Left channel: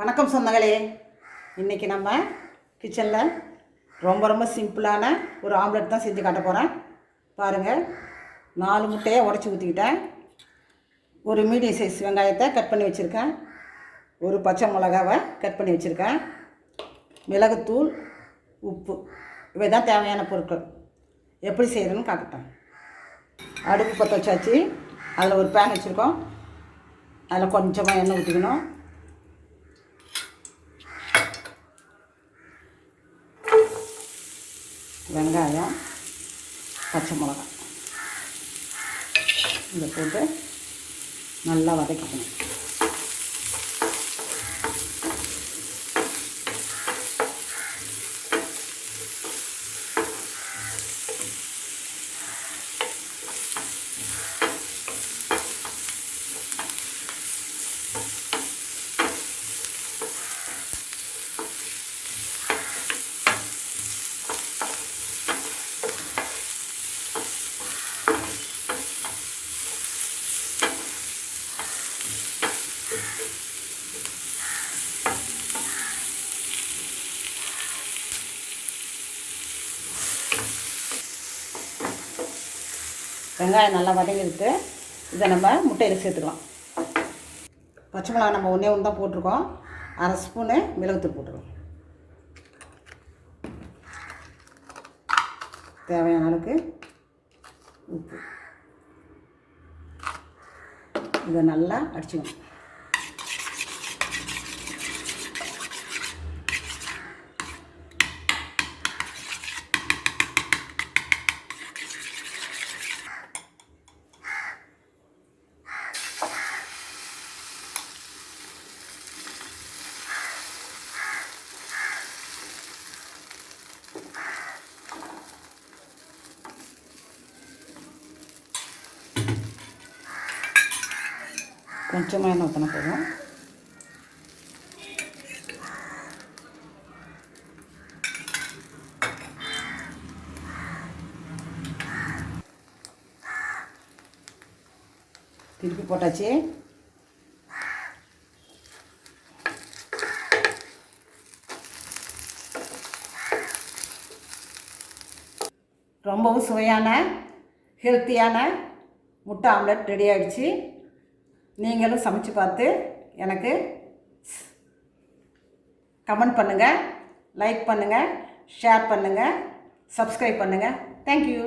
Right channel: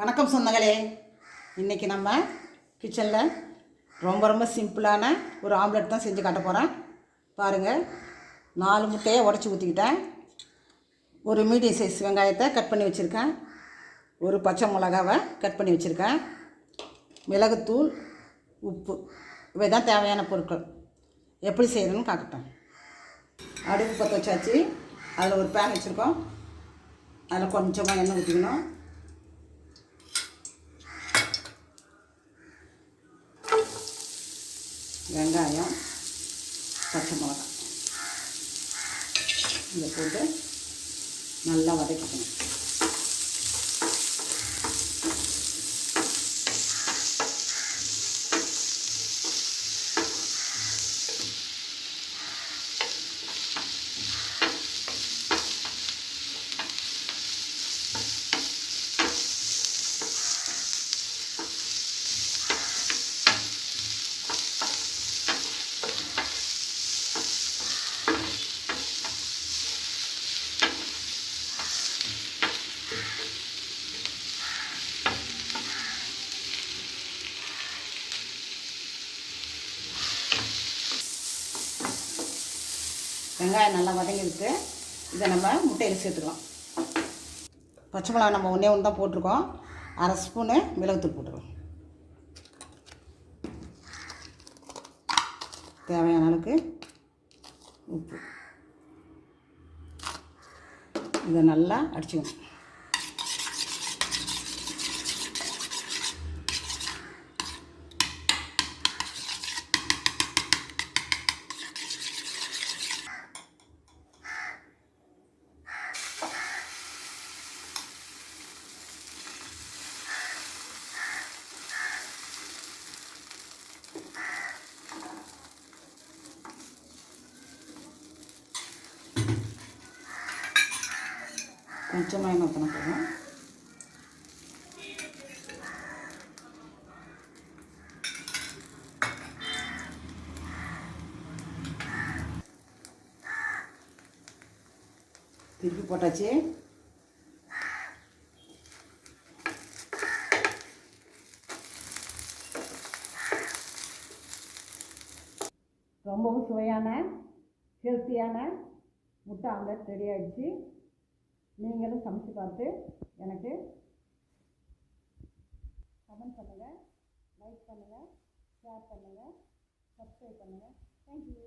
வணக்கம் சொந்தங்களே. இன்றைக்கி நம்ம கிச்சனில் ரொம்ப சிம்பிளான ஒரு ஆம்லெட் தான் செஞ்சு காட்ட போகிறேன். பாருங்கள், 4 முட்டையை உடச்சி ஊற்றிக்கிட்டேன். ஒரு மீடியம் சைஸ் வெங்காயத்தை கட் பண்ணி வச்சுருக்கேன். ஒரு பச்சை மிளகாவை கட் பண்ணி வச்சுருக்கேன். மிளகுத்தூள், உப்பு, இவை தான் தேவையான பொருட்கள். எப்படி செய்யணும்னு காட்டுட்டேன். அடுப்பு பற்ற வச்சாச்சு. அதில் ஒரு பேன் வச்சுருக்கோம். அதில் கொஞ்சமாக எண்ணெய் ஊற்றிக்கணும். வெங்காயம், பச்சை மிளகாய் இதை போட்டு நல்லா வதக்கிக்கணும். வெங்காயம் நல்லா வதங்கிட்டு இதை நம்ம முட்டையில் சேர்த்துக்கலாம். பச்சை மிளகாய் நம்ம ஒன்றே தான் போட்டிருக்கோம். 1/2 ஸ்பூனு மிளகுத்தூள் போட்டுருக்கோம். தேவையான அளவுக்கு உப்பு. இதை நல்லா அடிச்சுக்கணும். கொஞ்சமாக எண்ணெய் ஊற்றினா போதும். திருப்பி போட்டாச்சு. ரொம்பவும் சுவையான ஹெல்த்தியான முட்டை ஆம்லெட் ரெடி ஆகிடுச்சு. நீங்களும் சமைச்சு பார்த்து எனக்கு கமெண்ட் பண்ணுங்கள், லைக் பண்ணுங்கள், ஷேர் பண்ணுங்கள், சப்ஸ்கிரைப் பண்ணுங்கள். தேங்க்யூ.